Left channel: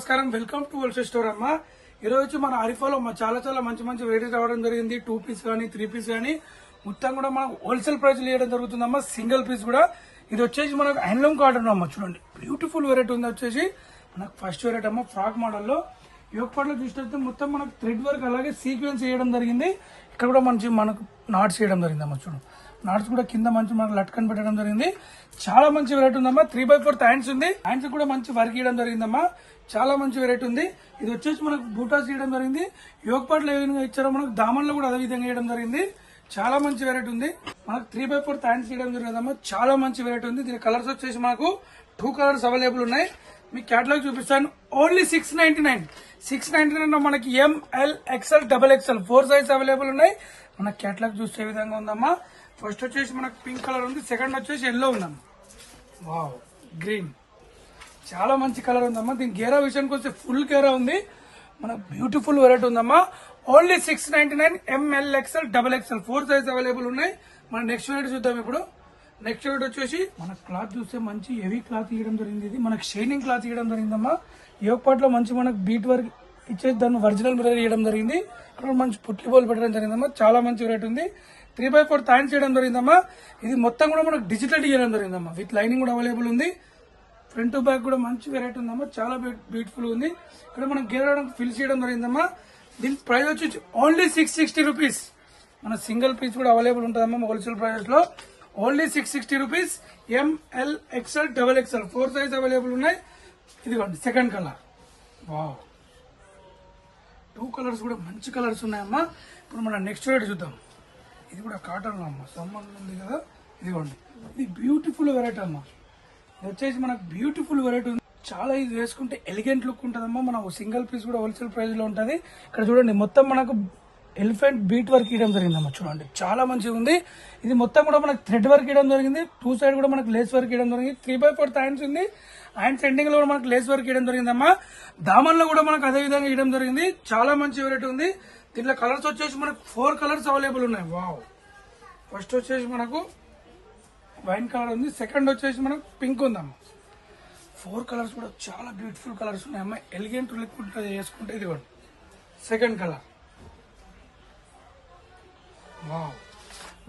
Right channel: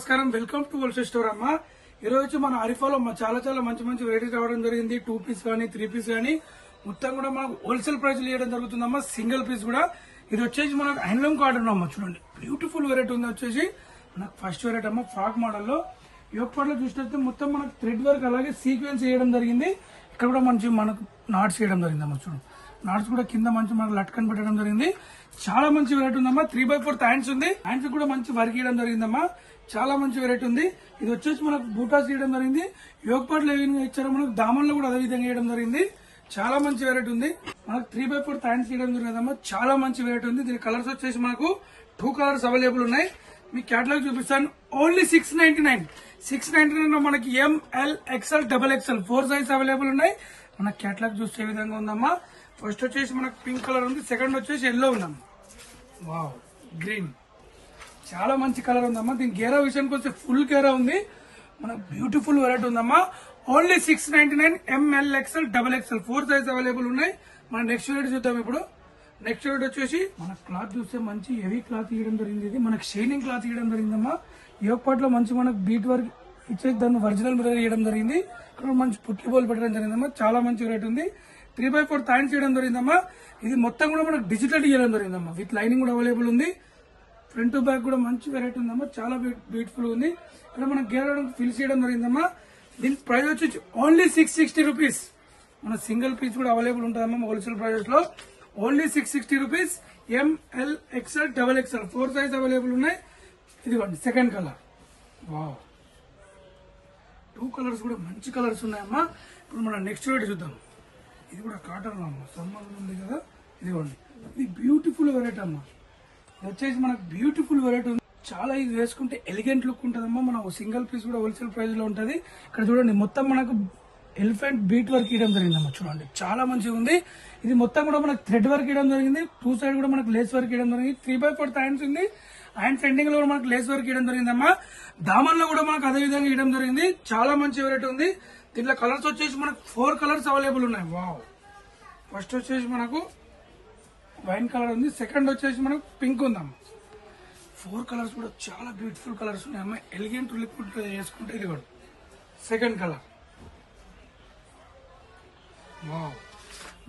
నమస్కారం, welcome to wholesale store అమ్మ. ఈ రోజు మన అరిఫాలో చాలా మంచి వెరైటీ రావడం జరిగింది. 2 పీస్ కానీ 3 పీస్ కానీ మొత్తం కూడా మనం హోల్సేల్ ప్రైస్ ఇవ్వడం జరుగుతుందమ్మా. సింగిల్ పీస్ కూడా ఇది వచ్చేసి మనకు హ్యాండ్లూమ్ కాటన్ అమ్మ. చూడండి బ్యూటిఫుల్ వెరైటీ ఉంది. వచ్చేసి మనకు ఫస్ట్ వెరైటీ అమ్మ ఫ్రాక్ మోడల్ లో యోగపాట్లో చూస్తే మొత్తం మనకు థ్రెడ్ వర్క్ అలాగే సీక్వెన్స్ చేయడం జరిగింది. ఇక్కడ కూడా మనకు నాట్స్ చేయడం జరిగింది అమ్మ. చూడండి నాట్స్ కూడా కింద మంచి మనకు లట్కన్ పెట్టడం జరిగింది. చాలా మంచి వెరైటీ ఉందమ్మా. 3/4 హ్యాండ్స్ ఉంది. హ్యాండ్స్ కూడా మంచి వర్క్ చేయడం జరిగిందమ్మా. చాలా మంచి వెరైటీ ఉంది. ఇది వచ్చేసి మనకు బూటాస్ చేయడం జరిగింది. యోగపాట్లో ఏ విధంగా ఇచ్చారో మనకు దామన్లో కూడా అదే విధంగా వేయడం జరిగింది. చాలా మంచి వెరైటీ ఉంది. మనకు 3/4 హ్యాండ్స్ చేయడం జరిగిందమ్మా. చాలా మంచి వెరైటీ ఉంది. దీని కలర్స్ వచ్చేసి మనకు 2 కలర్స్ అవైలబుల్ ఉన్నాయి. మీకు క్యాటలాగ్ చూపిస్తాను. ఓన్లీ 699. 699 లో మనకి ML XL XXL 4 size available ఉన్నాయి. మన క్యాటలాగ్ చూసే విధంగా ఉందమ్మా. ఫస్ట్ వచ్చేసి మనకు పింక్ కలర్ ఉంది. సెకండ్ వచ్చేసి ఎల్లో ఉందమ్మా. వావ్ గ్రీన్ చాలా మంచి కలర్ ఉందమ్మా. దీని గేరా విషయానికి వస్తే ఫుల్ గేరా ఉంది. మన బ్యూటిఫుల్ వెరైటీ ఉందమ్మా. Only 699. ML XL XXL 4 size available ఉన్నాయి. మన నెక్స్ట్ వెరైటీ చూద్దాం. ఇప్పుడు నెక్స్ట్ వెరైటీ వచ్చేసి మన క్లాత్ చూస్తే మంచి హెవీ క్లాత్ ఇవ్వడం జరిగింది. ఇది మనకు షైనింగ్ క్లాత్ ఇవ్వడం జరిగిందమ్మా. యోగపాట్లో మంచి మనకు బీట్ వర్క్ ఇచ్చేసి దాన్ని ఒరిజినల్ మిర్రర్ ఇవ్వడం జరిగింది. ఇక్కడ మంచి పుట్టి బోల్ పెట్టడం జరిగిందమ్మా. చాలా మంచి వెరైటీ ఉంది. 3/4 హ్యాండ్స్ చేయడం జరిగిందమ్మా. ఇది మొత్తం కూడా మనకు డిజిటల్ చేయడం జరిగిందమ్మా. విత్ లైనింగ్ కూడా అవైలబుల్ ఉంది. ఫ్రంట్ బ్యాక్ కూడా మంచి వెరైటీ ఉందమ్మా. చాలా బ్యూటిఫుల్ ఉంది. ఇక్కడ మనం గేర్ ఫిల్ చేయడం జరిగిందమ్మా. దీని ప్రైస్ వచ్చి ఓన్లీ 660 రూపీస్. మన సింగిల్ పీస్ కూడా అవైలబుల్ ఉంటుందమ్మా హోల్సేల్ ప్రైస్ లో. Only 660 rupees. ML XL XXL 4 size available ఉన్నాయి. ఇదిగోండి సెకండ్ కలర్. వావ్ 2 కలర్స్ కూడా మంచి కలర్స్ ఉన్నాయమ్మా. ఇప్పుడు మనం నెక్స్ట్ వెరైటీ చూద్దాం. ఇది కూడా కాటన్ అమ్మ. సమ్మర్ ఉంది కదా. ఇదిగోండి ఇది బ్యూటిఫుల్ వెరైటీ అమ్మా. ఇది వచ్చేసి మనకు బ్యూటిఫుల్ వెరైటీ ఉంది. చాలా ఇది వేసుకుంటే ఎలిగెంట్ లుక్ ఉంటుందమ్మా. మన సింగిల్ పీస్ కూడా హోల్సేల్ ప్రైస్ లో ఉంటుంది. ఇక్కడ చూడండి మొత్తం మనకు ఎలిఫెంట్ బీట్ వర్క్ ఇవ్వడం జరిగిందమ్మా. చూడండి చాలా మంచిగా ఉంది. ఇది మొత్తం కూడా మనకు థ్రెడ్ వర్క్ ఇవ్వడం జరిగింది. 2 సైడ్ కూడా మనకు లేస్ వర్క్ ఇవ్వడం జరిగింది. 3/4 హ్యాండ్స్ ఉంది. హ్యాండ్స్ ఎండింగ్ లో కూడా మనకు లేస్ వర్క్ ఇవ్వడం జరిగిందమ్మా. దామన్లో కూడా మనకు అదే విధంగా ఇవ్వడం జరిగింది. చాలా మంచి వెరైటీ ఉంది. దీంట్లో కలర్స్ వచ్చేసి మనకు 4 కలర్స్ అవైలబుల్ ఉన్నాయి. వావ్ ఫస్ట్ వచ్చేసి మనకు వైన్ కలర్ ఉంది. సెకండ్ వచ్చేసి మనకు పింక్ ఉందమ్మా. 4 కలర్స్ కూడా చాలా బ్యూటిఫుల్ కలర్స్ ఉన్నాయమ్మా. ఎలిగెంట్ లుక్ ఉంటుంది వేసుకుంటే. ఇది కూడా సెకండ్ కలర్. వావ్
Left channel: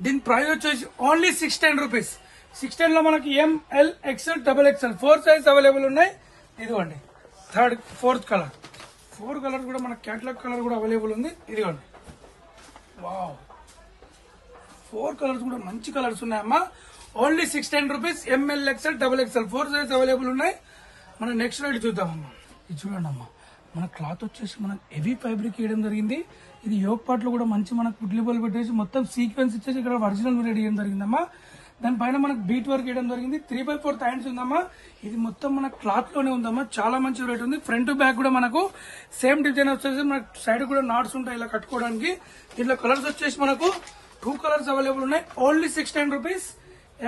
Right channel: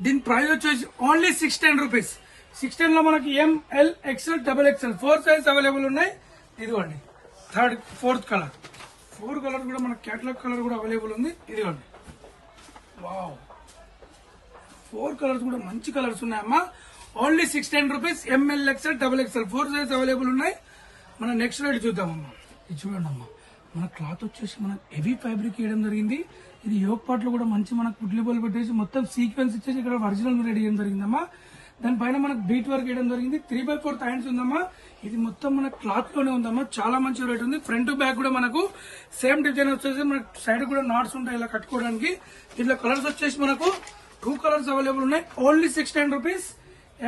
దీని ప్రైస్ వచ్చేసి ఓన్లీ 610 రూపీస్. 610 లో మనకి ML XL XXL 4 size available ఉన్నాయి. ఇదిగోండి ఫోర్త్ కలర్. 4 కలర్ కూడా మన క్యాటలాగ్ కలర్ కూడా అవైలబుల్ ఉంది. ఇదిగోండి వావ్ 4 కలర్స్ కూడా మంచి కలర్స్ ఉన్నాయమ్మా. Only 610 rupees. ML XL XXL 4 size available ఉన్నాయి. మనం నెక్స్ట్ వెరైటీ చూద్దామమ్మా. ఇది చూడండి అమ్మా. మన క్లాత్ వచ్చేసి మనకు హెవీ ఫ్యాబ్రిక్ ఇవ్వడం జరిగింది. ఇది యోగపాట్లో కూడా మంచి మనకు పుడ్లీ బోల్ పెట్టేసి మొత్తం సీక్వెన్స్ ఇచ్చేసి ఇక్కడ ఒరిజినల్ రెడీ చేయడం జరిగిందమ్మా. దానిపైన మనకు బీట్ వర్క్ వేయడం జరిగింది. 3/4 హ్యాండ్స్ ఉందమ్మా. ఇది మొత్తం మన క్లాత్ లోనే ఉందమ్మా. చాలా మంచి రేట్ ఉంది. ఫ్రంట్ బ్యాక్ కూడా మనకు సేమ్ డిజైన్ వచ్చేసి మనకు సైడ్ కూడా నాట్స్ ఉంటాయి ఇలా కట్టుకోవడానికి. దీంట్లో కలర్స్ వచ్చేసి మనకు 2 కలర్స్ అవైలబుల్ ఉన్నాయి. Only 610 rupees.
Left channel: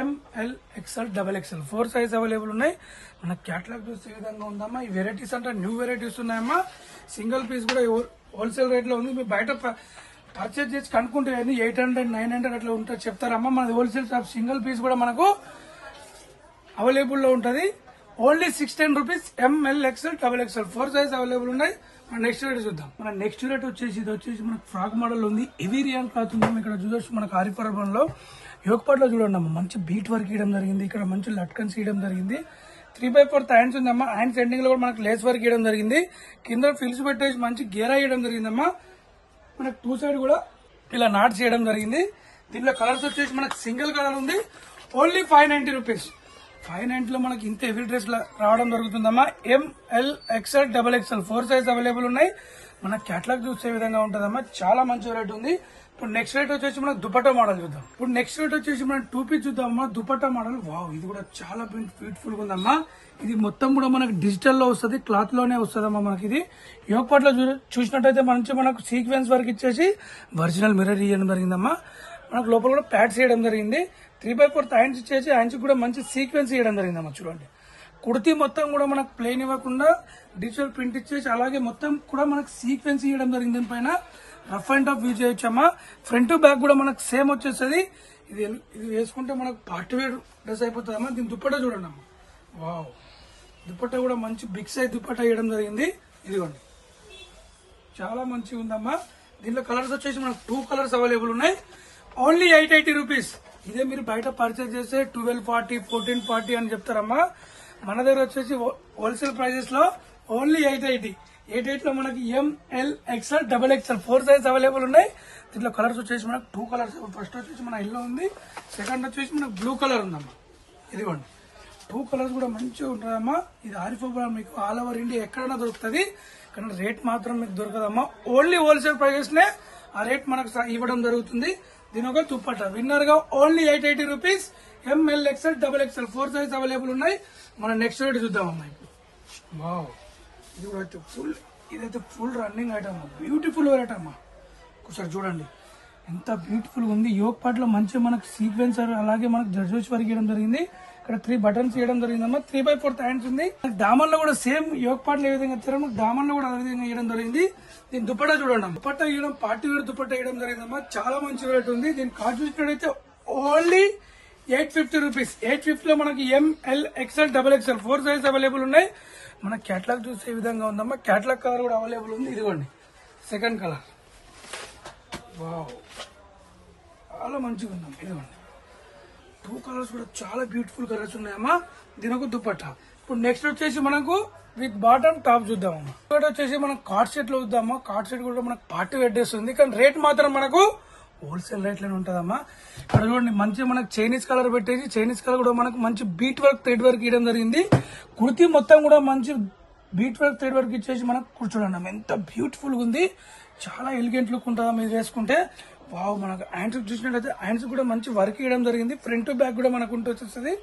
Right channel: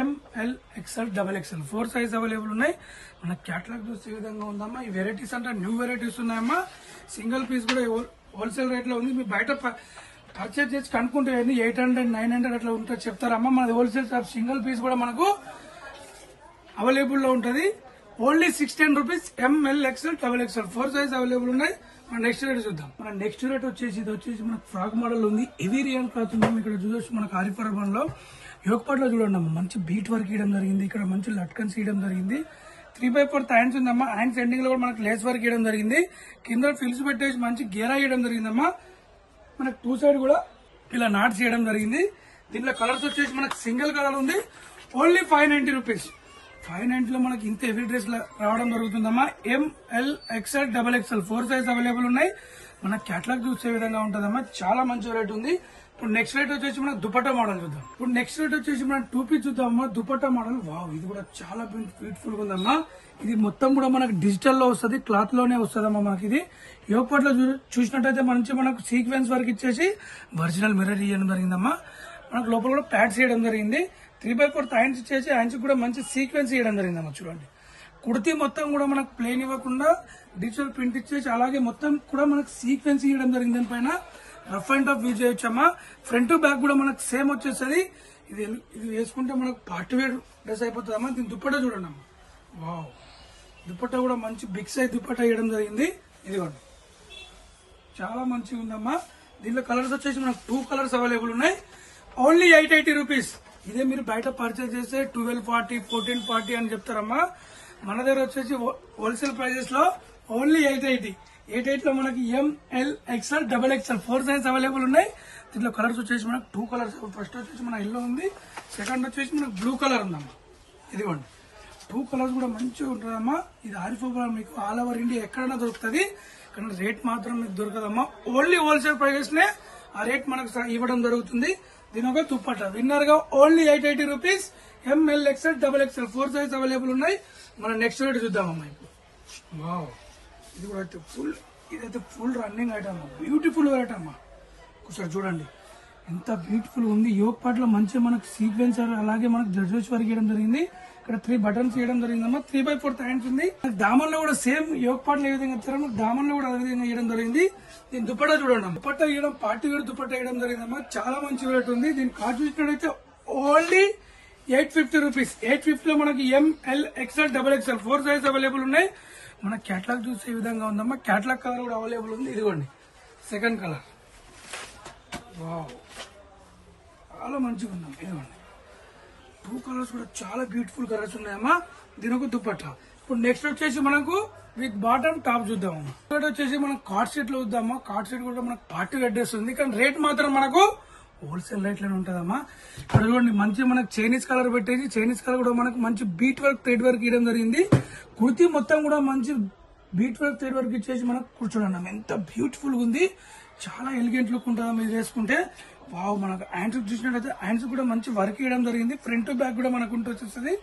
ML XL XXL 4 size available ఉన్నాయి. మన క్యాటలాగ్ చూసే విధంగా ఉందమ్మా. ఈ వెరైటీస్ అంటే న్యూ వెరైటీస్ ఉన్నాయమ్మా. సింగిల్ పీస్ కూడా హోల్సేల్ రేట్ లో ఉంది. మీరు బయట పర్చేజ్ చేసి కనుక్కుంటే 800 900 అట్లా ఉంటుంది చెప్తారమ్మా. మనది హోల్సేల్ షాప్. సింగిల్ పీస్ కూడా మనకు అవైలబుల్ లో ఉంటుంది. Only 610 rupees. ML XL XXL 4 size available ఉన్నాయి. మన నెక్స్ట్ రేట్ చూద్దాం. మన నెక్స్ట్ రేట్ వచ్చేసి ఇది వచ్చేసి మనకు ఫ్రాక్ మోడల్ ఉంది. హెవీ రియాన్ క్లాత్ ఉంది. ఇక్కడ చూడొచ్చు మనకు ఆరిపరబంలో యోగపాట్లో చూడండి అమ్మ. మంచి బీట్ వర్క్ ఇవ్వడం జరిగింది. ఇక్కడ మంచి లట్కన్స్ ఇవ్వడం జరిగింది. 3/4 హ్యాండ్స్ ఉందమ్మా. హ్యాండ్స్ ఎండింగ్ లో కూడా మనకు లేస్ వర్క్ ఇవ్వడం జరిగింది. కింద ఫిల్స్ పెట్టేసి మంచి గేరా ఇవ్వడం జరిగిందమ్మా. మనకు 2 సైడ్ కూడా ఇలా నాట్స్ చేయడం జరిగింది. దీంట్లో కలర్స్ వచ్చేసి మనకు సింగిల్ కలర్ ఉంది. Only 590 rupees. 590 లో మనకి ఇంత హెవీ డ్రెస్ రావడం జరుగుతుందమ్మా. ML XL XXL 4 size available ఉన్నాయి. మన క్యాటలాగ్ చూసే విధంగా ఉంటుందమ్మా. చాలా మంచి రేట్ ఉంది. ఇప్పుడు నెక్స్ట్ రేట్ వచ్చేసి మనం దుపట్టా మోడల్ చూద్దాం. ఇప్పుడు నెక్స్ట్ రేట్ వచ్చేసి మనం 2 పీస్ చూద్దామమ్మా. దుపట్టా మోడల్. వావ్ ఇది కూడా చాలా బ్యూటిఫుల్ గా ఉందమ్మా. ఇది మొత్తం కూడా మనకు డిజిటల్ లో వస్తుంది. క్లాత్ లోనే వస్తుందమ్మా. మనకి ఇది యోగపాట్లో చూసినట్టయితే మంచి మనకు సీక్వెన్స్ వర్క్ ఇచ్చేసి ఒరిజినల్ మిర్రర్ ఇవ్వడం జరిగిందమ్మా. మనకు లోపల కూడా ప్యాడ్స్ చేయడం జరిగింది. 3/4 హ్యాండ్స్ ఇచ్చేసి హ్యాండ్స్ కూడా మంచి సీక్వెన్స్ ఇవ్వడం జరిగిందమ్మా. చూడండి కుర్తీ మొత్తం కూడా మనకు ప్లెయిన్ ఇవ్వకుండా డిజిటల్ ప్రింట్ ఇచ్చేసి అలాగే మొత్తం కూడా మనకు సీక్వెన్స్ ఇవ్వడం జరిగింది. దానిపైన రఫ్ అండ్ టఫ్ యూజ్ చేయొచ్చమ్మా. ఫ్రంట్ బ్యాక్ కూడా మనకు సేమ్ వచ్చేస్తుంది. ఇది వేసుకుంటే మనకు పార్టీ వేర్ డ్రెస్ అయిపోతుందమ్మా. దీని దుప్పట్టా చూడండి అమ్మా. వావ్ దుపట్టా కూడా మంచి బిగ్ సైజ్ దుపట్టా వేయడం జరిగింది. ఇదిగోండి, చాలా మంచిగా ఉందమ్మా. దీనిలో కలర్స్ వచ్చేసి మనకు 2 కలర్స్ అవైలబుల్ ఉన్నాయి. Only 880 rupees. ఇదే మీరు బయట పర్చేజ్ చేస్తే 1240, 1440 అని చెప్తారమ్మా. మన దగ్గర వచ్చేసి హోల్సేల్ ప్రైజెస్ లో ఓన్లీ 880 లో మనకి ML XL XXL 4 size available ఉన్నాయి. దీంట్లో కలర్స్ వచ్చేసి మనకు 2 కలర్స్. ఫస్ట్ వచ్చేసి మన ఎల్లో ఉంది, సెకండ్ వచ్చేసి మనకు బ్లూ కలర్ ఉందమ్మా. ఇదిగోండి, 2 కలర్స్ కూడా మంచిగా ఉంటుందమ్మా. ఇది ఆరిఫోబా మీకు ఆల్ ఓవర్ ఇండియా ఎక్కడైనా దొరుకుతుంది, కానీ రేట్ మాత్రం మీకు దొరకదమ్మా. ఓన్లీ హోల్సేల్ ప్రైజెస్ నే ఆ రేట్ మనకు ఇవ్వడం జరుగుతుంది. దీని ఒక దుపట్టా విన్నర్ గా only 880 rupees. ML XL XXL 4 size available ఉన్నాయి. మనం నెక్స్ట్ రేట్ చూద్దామమ్మా. వావ్, ఇది కూడా ఇదైతే full running item, beautiful variety అమ్మా. ఒకసారి చూడండి ఎంత బ్యూటిఫుల్ ఉంది. యోగ్ పార్ట్ లో మంచిగా మనకు సీక్వెన్సర్ అలాగే మనకు జడ్జెస్ వర్క్ ఇవ్వడం జరిగింది. ఇక్కడ 3 బటన్స్ ఇవ్వడం జరిగిందమ్మా. 3/4 హ్యాండ్స్ ఉంది. దామన్ లో కూడా సేమ్ యోగ్ పార్ట్ లో ఏ విధంగా ఇస్తారో దామన్ లో కూడా అదే విధంగా ఇవ్వడం జరిగింది. దీని దుపట్టా చూడండి, దుపట్టా ఇవ్వడం పార్టీ వేర్ దుపట్టా ఇవ్వడం జరిగిందమ్మా. చాలా మంచి రేట్ ఉంది. దీని కాస్ట్ చూసినట్టయితే ఓన్లీ 850 రూపీస్. 850 లో మనకి ML XL XXL 4 size available ఉన్నాయి. మన కేటలాగ్ చూసే విధంగా ఉందమ్మా. కేటలాగ్ కలర్ కూడా అవైలబుల్ ఉంది. ఇదిగోండి సెకండ్ కలర్. వావ్, చాలా మంచిగా ఉందమ్మా. ఇదిగోండి 2 కలర్స్ కూడా చాలా బ్యూటిఫుల్ కలర్స్ ఉన్నాయమ్మా. దీని ఒక దుపట్టా. ఇప్పుడు నెక్స్ట్ వచ్చేసి మనకు విత్ బాటమ్ టాప్ చూద్దాము. ఇక్కడ వచ్చేసి మనం కార్డ్ సెట్ లో చూద్దామా. కార్డ్ సెట్ కూడా మనకు పార్టీ వెడ్ వస్తుంది, కానీ రేట్ మాత్రం మనకు హోల్సేల్ రేట్ లోనే ఉంటుందమ్మా. ఇక్కడ చూడండి మంచి మనకు చైనీస్ కలర్ పెట్టేసి, చైనీస్ కలర్ కూడా మనకు మంచి బీట్ వర్క్ థ్రెడ్ వర్క్ ఇవ్వడం జరిగింది. కుర్తీ మొత్తం కూడా మంచి బీట్ వర్క్ థ్రెడ్ వర్క్ ఇచ్చేసి మనకు కూర్చోండి ఎంత బ్యూటిఫుల్ గా ఉంది. చాలా ఎలిగెంట్ లుక్ ఉంటుందా మీరు వేసుకుంటే. వావ్, మనకు హ్యాండ్స్ చూసినట్లయితే హ్యాండ్స్ కూడా మంచి వర్క్ ఇవ్వడం జరిగింది. ఫ్రంట్ బ్యాక్ కూడా మనకు ఉంటుంది.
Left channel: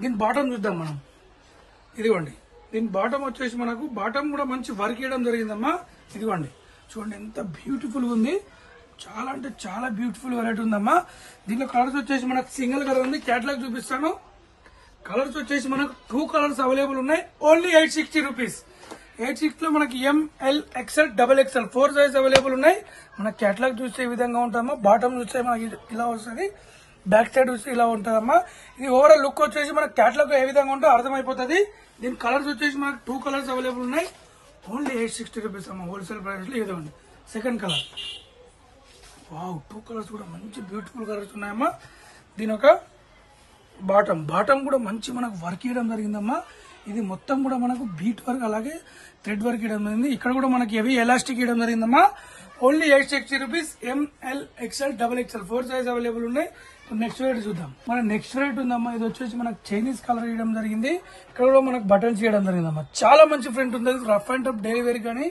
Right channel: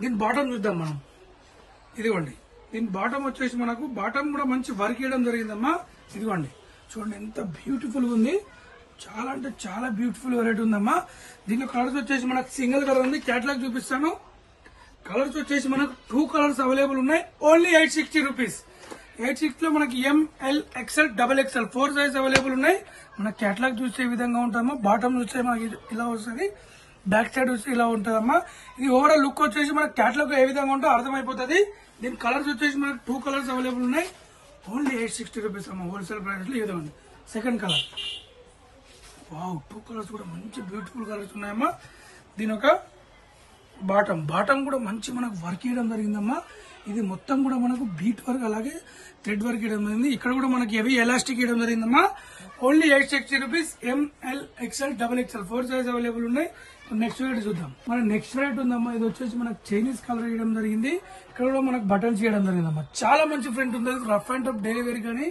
దీని బాటమ్ చూద్దాం మనం. ఇదిగోండి, దీని బాటమ్ వచ్చేసి మనకు బాటమ్ కూడా మంచి వర్క్ ఇవ్వడం జరిగిందమ్మా. ఇదిగోండి చూడండి ఎంత బ్యూటిఫుల్ గా ఉంది. చాలా అంటే చాలా బ్యూటిఫుల్ వెరైటీ ఉందమ్మా. దీనిలో కలర్స్ వచ్చేసి మనకు సింగిల్ కలర్ ఉంది. కేటలాగ్ చూపిస్తాను. కలర్స్ వచ్చేసి మనకు 2 కలర్స్ అవైలబుల్ ఉన్నాయి. Only 860 rupees. 860 లో మనకి ML XL XXL 4 size available ఉన్నాయి. మన కేటలాగ్ చూస్తే ఈ విధంగా ఉంటామా. బాటమ్ చూస్తే ఇలా వస్తుంది, బ్యాక్ సైడ్ చూస్తే ఇలా ఉంటుందమ్మా. ఇది ఓవరాల్ లుక్ వచ్చేసి మన కేటలాగ్ ఏ విధంగా ఉంటుందో అర్థమైపోతుంది. దీని కలర్స్ వచ్చేసి మనకు 2 కలర్స్ అవైలబుల్ ఉన్నాయి. ఓన్లీ 860 రూపీస్ అమ్మా హోల్సేల్ ప్రైస్ లో. ఇదిగోండి సెకండ్ కలర్. వావ్, 2 కలర్స్ కూడా మంచి బ్యూటిఫుల్ కలర్స్ ఉన్నాయమ్మా. దీని ఒక బాటమ్ కూడా మంచి మనకు వర్క్ ఇవ్వడం జరిగిందమ్మా. ఇది మొత్తం కూడా మనకు బీట్ వర్క్ అలాగే థ్రెడ్ వర్క్ ఇవ్వడం జరిగింది. ఇక్కడ కూడా మనకి హెవీ ఎలాస్టిక్ ఇవ్వడం జరిగిందమ్మా. Only 860 rupees. ML XL XXL 4 size available ఉన్నాయి. నెక్స్ట్ రేట్ చూద్దాం. మన నెక్స్ట్ రేట్ ఉందమ్మా. ఇది వచ్చేసి మనకు చైనీస్ కలర్ ఇవ్వడం జరిగింది. ఇక్కడ కూడా మనకు బటన్స్ ఇవ్వడం జరిగిందమ్మా. చాలా మంచి ప్రింట్ ఉంటుంది. Rough and tough daily wear కానీ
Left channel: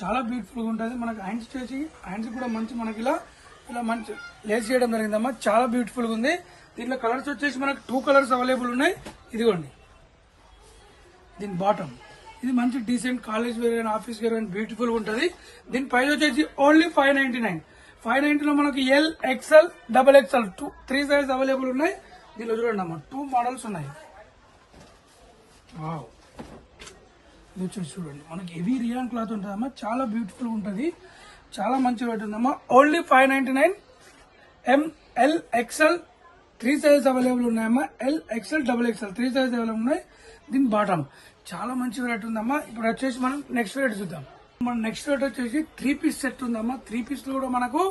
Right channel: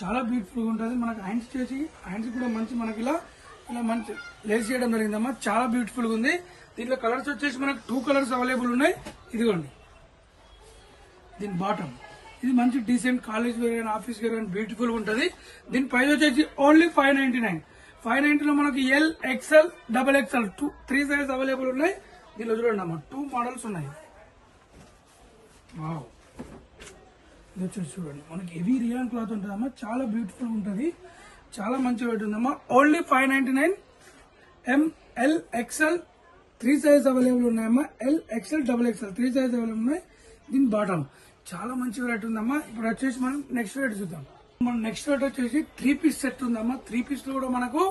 చాలా బ్యూటిఫుల్ గా ఉంటుంది. మనకు హ్యాండ్స్ చేసి హ్యాండ్స్ కూడా మంచి మనకి ఇలా మంచి లేస్ చేయడం జరిగిందమ్మా. చాలా బ్యూటిఫుల్ గా ఉంది. దీంట్లో కలర్స్ వచ్చేసి మనకు 2 కలర్స్ అవైలబుల్ ఉన్నాయి. ఇదిగోండి దీని బాటమ్. ఇది మంచి decent college wear and office wear and beautiful గా ఉంటుంది. దీని ప్రైస్ వచ్చేసి ఓన్లీ 599. 590 లో మనకి L XL XXL 3 size available ఉన్నాయి. దీనిలో చూడండి అమ్మా 2 మోడల్స్ ఉన్నాయి. వావ్, ఇది వచ్చేసి చూడండి మనకి హెవీ రియాన్ క్లాత్ ఉంటుందమ్మా. చాలా బ్యూటిఫుల్ ఉంటుంది. చాలా మంచిగా ఉంటుందమ్మా. Only 599. ML XL 3 size available ఉన్నాయమ్మా. L XL XXL 3 size available ఉన్నాయి. దీని బాటమ్ చాలా మంచి రేట్ ఉందమ్మా. ఇప్పుడు వచ్చేసి మనం నెక్స్ట్ రేట్ చూద్దాం. మన నెక్స్ట్ రేట్ వచ్చేసి 3 పీస్ సెట్ ఉందమ్మా. 3 పీస్ లో కూడా మనకు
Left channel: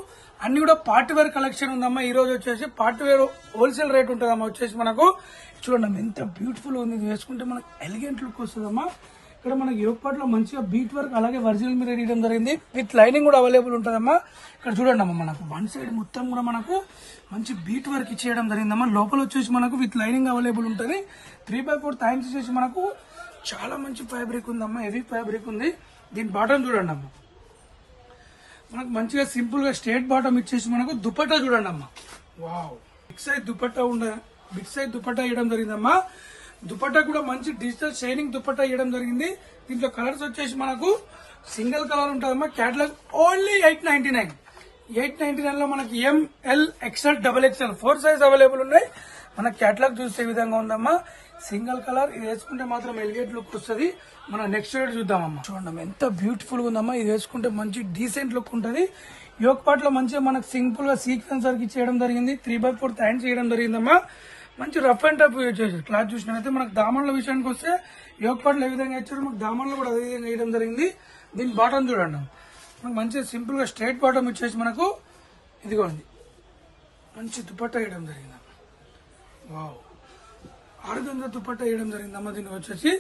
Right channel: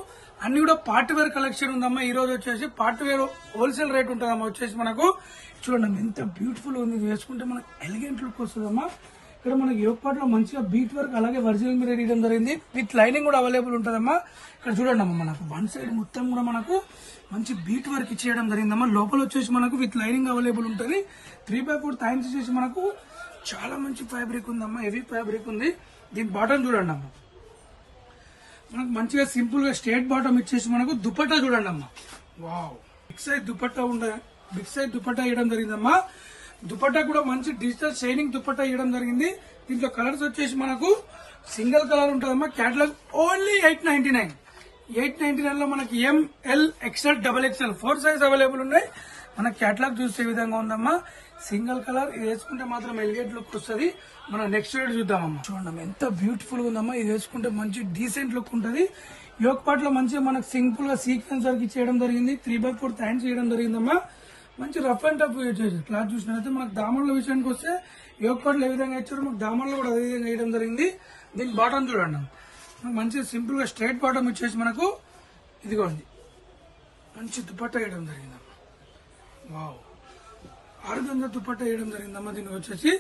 అన్ని కూడా పార్టీ వేర్ కలెక్షన్ ఉందమ్మా. ఈ రోజు వచ్చేసి పార్టీ వేర్ హోల్సేల్ రేట్ ఉంటుందమ్మా. వచ్చేసి మనకు చూడండి ఎంత బ్యూటిఫుల్ ఉంది. వేసుకుంటే మనకు ఎలిగెంట్ లుక్ వస్తుందమ్మా. ఇక్కడ మనకి యోగ్ పార్ట్ లో మంచిగా బీట్ వర్క్ అలాగే ఒరిజినల్ మిర్రర్ ఇవ్వడం జరిగింది. విత్ లైనింగ్ కూడా అవైలబుల్ ఉంటుందమ్మా. ఇక్కడ చూడండి అమ్మా మనకు వన్ సైడ్ మొత్తం కూడా మనకు మంచి బీట్ వర్క్ ఇచ్చేయడం జరిగిందమ్మా. లోపల వచ్చేసి మనకు విత్ లైనింగ్ అవైలబుల్ ఉంటుంది. 3/4 టైమ్స్ వచ్చేసి మనకు చాలా మంచి ఫ్యాబ్రిక్ ఉందమ్మా. హెవీ ఫ్యాబ్రిక్ ఉంది. దీని బాటమ్ చూడండి అమ్మా. మనకు మంచిగా సింపుల్ గా స్ట్రేట్ బాటమ్ ఇచ్చేసి మనకు దుపట్టా చూడండి అమ్మా. వావ్, బిగ్ సైజ్ దుపట్టా ఇవ్వడం జరిగిందమ్మా. దుపట్టా కూడా మంచి డిజిటల్ షైనింగ్ దుపట్టా ఇవ్వడం జరిగింది. దీంట్లో కలర్స్ వచ్చేసి మనకు సింగిల్ కలర్ ఉంటుందమ్మా. Catalogue only 899. 899 లో మనకి ML XL XXL 4 size available ఉన్నాయి. మన కేటలాగ్ చూసే విధంగా ఉందమ్మా. సింగిల్ కలర్ ఇది వేసుకుంటే మాత్రం ఎలిగేట్ లుక్ వస్తుంది. మన నెక్స్ట్ రేట్ చూద్దామమ్మా. చూడండి ఎంత బ్యూటిఫుల్ గా ఉందమ్మా. ఇది వేసుకుంటే మంచి డీసెంట్ లుక్ ఉంటుంది. యోగ్ పార్ట్ లో మంచిగా మనకు సింపుల్ గా సీక్వెన్స్ వర్క్ చేయడం జరిగింది. 3/4 హ్యాండ్స్ చేయడం జరిగిందమ్మా. మంచి రఫ్ అండ్ టఫ్ యూజ్ చేశారు. క్లాత్ చూసినట్లయితే మనకు దామన్ల విషయానికి వస్తే యోగ పాటలు ఏ విధంగా ఇచ్చారు, మనకు దామన్లు కూడా అదే విధంగా వేయడం జరిగింది. దీని బాటం చూడండి, మనకు మంచి సింపుల్ గా స్ట్రైట్ బాటం ఇచ్చేసి మనకు ఇదిగోండి మంచి దుపట్టా వేయడం జరిగింది. వావ్, ఆరుగంజ దుపట్టా వేయడం జరిగిందమ్మా. దీనికి వచ్చేసి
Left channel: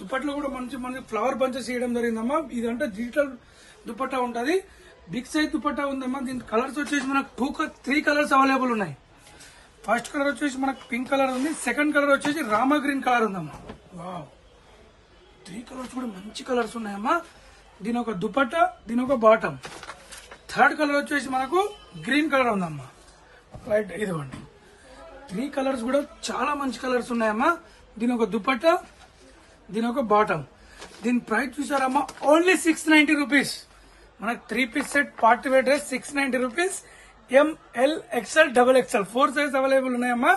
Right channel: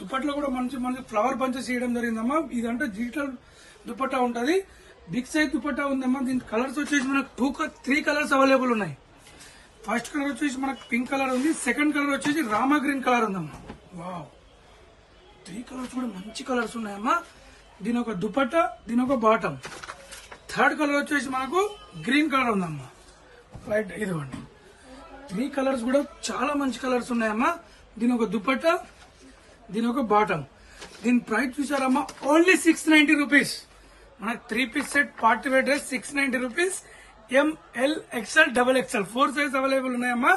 దుపట్టలో కూడా మంచి మనకి ఫ్లవర్ బంచెస్ వేయడం జరిగిందమ్మా. ఇదంటే డిజిటల్ దుపట్టా ఉంటది, బిగ్ సైజ్ దుపట్టా ఉందమ్మా. దీని కలర్స్ వచ్చేసి మనకు 3 కలర్స్ అవైలబుల్ ఉన్నాయి. ఫస్ట్ కలర్ వచ్చేసి మనకు పింక్ కలర్ ఉంది, సెకండ్ కలర్ వచ్చేసి రామా గ్రీన్ కలర్ ఉందమ్మా. వావ్, 3 కలర్స్ కూడా మంచి కలర్స్ ఉన్నాయమ్మా. దీని ఒక దుపట్టా, దీని ఒక బాటం. థర్డ్ కలర్ వచ్చేసి మనకు గ్రీన్ కలర్ ఉందమ్మా. రైట్, ఇదిగోండి 3 కలర్స్ కూడా చాలా మంచి కలర్స్ ఉన్నాయమ్మా. దీని ఒక దుపట్టా, దీని ఒక బాటం. దీని ప్రైస్ చూసారమ్మా ఓన్లీ 690 రూపీస్. మనకు 3 piece set party wear dress 690 rupees. ML XL XXL 4 size available ఉన్నాయమ్మా.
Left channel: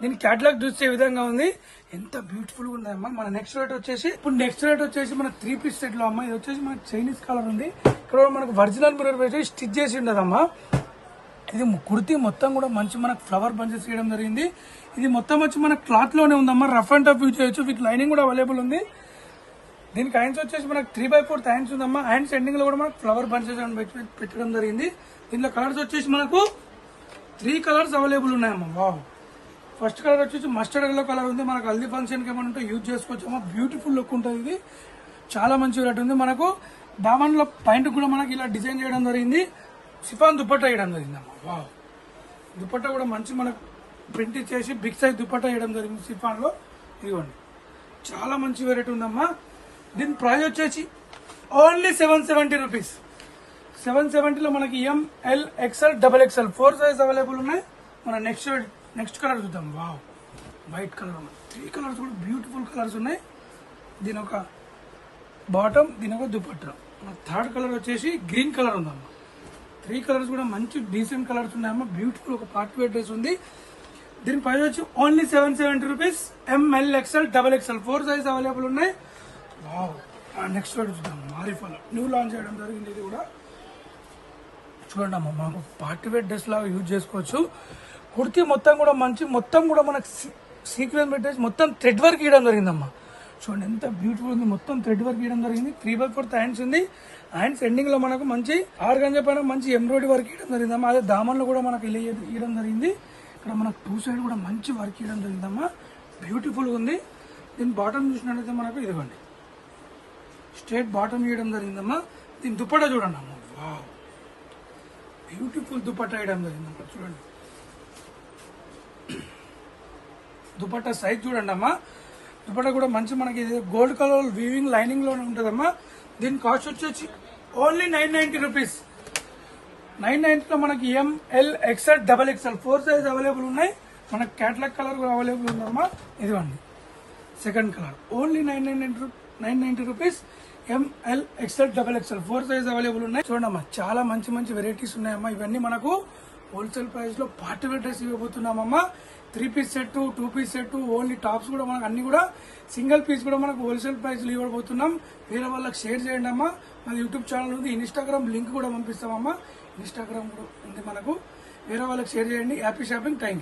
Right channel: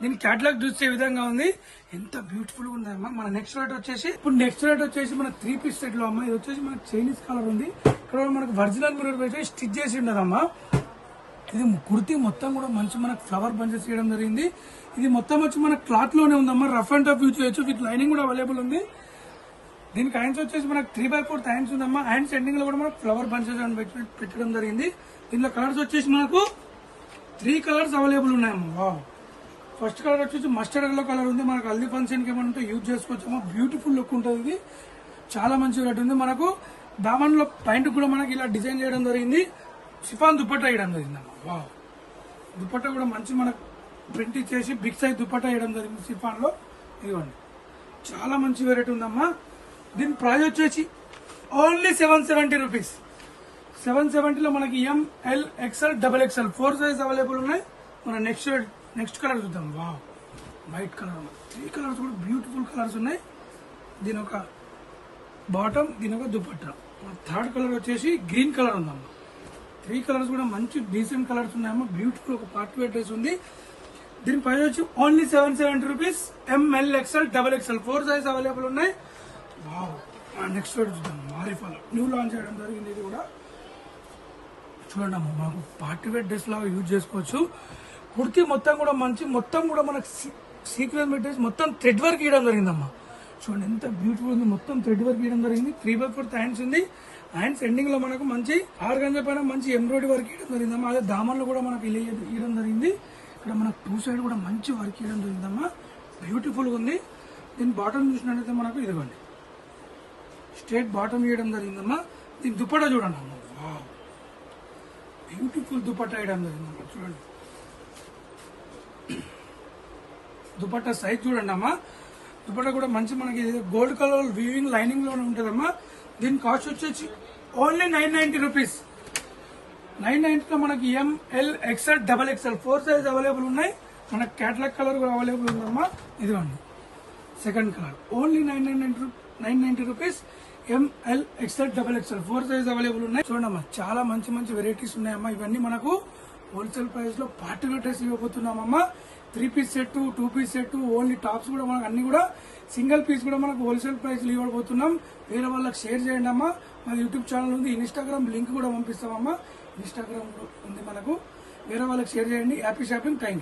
దీని క్యాటలాగ్ చూసే విధంగా ఉంది, ఎంత బ్యూటిఫుల్ గా ఉన్నాయమ్మా. మన నెక్స్ట్ రేట్ వచ్చేసి మన 3 పీస్ సెట్ లో అమ్మా. ఇది వచ్చేసి మనకు చైనీస్ కలర్ ఉంది, ఇక్కడ మనకు ఒరిజినల్ మిర్రర్ పెట్టి స్టిచ్ చేసి ఉండదమ్మా. ఇది కుర్తీ మొత్తం కూడా మంచి మనకు ఫ్లవర్ బంచెస్ చేయడం జరిగింది. ఇది మొత్తం వచ్చి మన క్లాత్ లోనే ఉందమ్మా. రఫ్ అండ్ టఫ్ యూజ్ చేయొచ్చు, విత్ లైనింగ్ కూడా అవైలబుల్ ఉంది. దీనికి హ్యాండ్స్ వచ్చేసి మనకు 3/4 హ్యాండ్స్ ఉందమ్మా. హ్యాండ్స్ ఎండింగ్ లో కూడా మనకు ఫ్లవర్ బంచెస్ పెట్టడం జరిగింది. దీనిలో కలర్స్ వచ్చేసి మనకు 3 కలర్స్ అవైలబుల్ ఉన్నాయమ్మా. వావ్, ఫస్ట్ కలర్ వచ్చేసి మస్టర్డ్ ఎల్లో కలర్ ఉంది. మనకు హల్దీ ఫంక్షన్ కి ఏమంటే యూజ్ చేసుకోవచ్చమ్మా. బ్యూటిఫుల్ లుక్ ఉంటుంది, ఇది చాలా మంచి రేట్ ఉంది. మనకు దామన్ లో పాయింట్ కూడా మనకి ఇలా డిజైన్ చేయడం జరిగింది. సిఫాన్ దుపట్టా వేయడం జరిగిందమ్మా. వావ్, దుపట్టా కూడా మంచి మనకు ప్రింట్ చేసి బిగ్ సైజ్ దుపట్టా వేయడం జరిగింది సిఫాన్ లో. ఇవ్వండి, చాలా మంచి వెరైటీ ఉందమ్మా. దీని ప్రైస్ వచ్చేసి ఓన్లీ 770 రూపీస్. 770 లో మనకి ML XL XXL 4 size available ఉన్నాయి. మన నెక్స్ట్ కలర్ చూద్దాం. వావ్, వైట్ కలర్ ఉన్నాయి. 3 కలర్స్ కూడా బ్యూటిఫుల్ కలర్స్ ఉన్నాయి. దీని ఒక బాటం, దీని ఒక దుపట్టా. థర్డ్ కలర్ వచ్చేసి గ్రీన్ కలర్ ఉందమ్మా. 3 కలర్స్ కూడా మంచి డీసెంట్ కలర్స్ ఉన్నాయమ్మా. బ్యూటిఫుల్ ఒక పార్టీ వేర్ డ్రెస్ ఉంది. దీని ప్రైస్ వచ్చి only 770 rupees. ML XL XXL 4 size available ఉన్నాయి. వావ్, నెక్స్ట్ చూద్దాం. మారిఫాలో న్యూ లాంచ్ చేయడం జరిగింది. ఇది కూడా చూడండి అమ్మా, మాకు పార్టీ వేర్ డ్రెస్ లాగా యూజ్ చేసుకోవచ్చు. కుర్తీ మొత్తం కూడా మంచి, మొత్తం కూడా మనకు సీక్వెన్స్ డ్రెస్ మొత్తం థ్రెడ్ వర్క్ ఇవ్వడం జరిగిందమ్మా. చూడండి ఎంత బ్యూటిఫుల్ ఉంది, మొత్తం థ్రెడ్ వర్క్ ఇవ్వడం జరిగింది. 3/4 హ్యాండ్స్ ఉంది. హ్యాండ్స్ ఎండింగ్ లో మనకు మంచి ఆర్గంజా పైన మంచి ఎంబ్రాయిడరీ వర్క్ ఇవ్వడం జరిగిందమ్మా. అదే దామన్లో కూడా మనకు ఇవ్వడం జరిగింది. ఇక్కడ మనకు 2 సైడ్ కూడా మంచి వర్క్ ఇవ్వడం జరిగిందమ్మా. బ్యూటిఫుల్ గా ఉంది. దీని బాటం చూసినట్లయితే మనకు ఇదిగోండి స్ట్రేట్ బాటం ఇవ్వడం జరిగిందమ్మా. దీని దుపట్టా చూడండి అమ్మా. వావ్, బ్యూటిఫుల్ దుపట్టా వేయడం జరిగిందమ్మా. చూడండి దుపట్టా సైజ్ చూడండి అమ్మా. దుపట్టా కూడా మంచి మనకి గోల్డ్ కలర్ వీవింగ్ లైనింగ్ లోనే ఉంటదమ్మా. దీని కాస్ట్ వచ్చేసి ఓన్లీ 990 రూపీస్. 990 లో మనకి ML XL XXL 4 size available ఉన్నాయి. మనకి క్యాటలాగ్ కలర్ కూడా అవైలబుల్ ఉందమ్మా. ఇదిగోండి second colour. Only 990 rupees. ML XL XXL 4 size available ఉన్నాయి. చూడమ్మా, చాలా మంచి మంచి వెరైటీస్ ఉన్నాయమ్మా. ఇవన్నీ మనకు హోల్సేల్ ప్రైస్ లో పార్టీ వేర్ డ్రెస్ ఇవ్వబోతున్నామమ్మా. 3 piece set, 2 piece set, only tops కూడా మనకు అన్ని కూడా సింగిల్ పీస్ కూడా మనకు హోల్సేల్ ప్రైస్ లో ఇవ్వబోతున్నాం. వేరే వాళ్ళకి షేర్ చేయండి అమ్మా. నా యూట్యూబ్ ఛానల్ ఉంది, ఇన్స్టాగ్రామ్ లింక్ కూడా పంపిస్తామమ్మా. ఇన్స్టాగ్రామ్ ఉంది మనకు, వేరే వాళ్ళకి షేర్ చేయండి. Happy shopping. Thank you.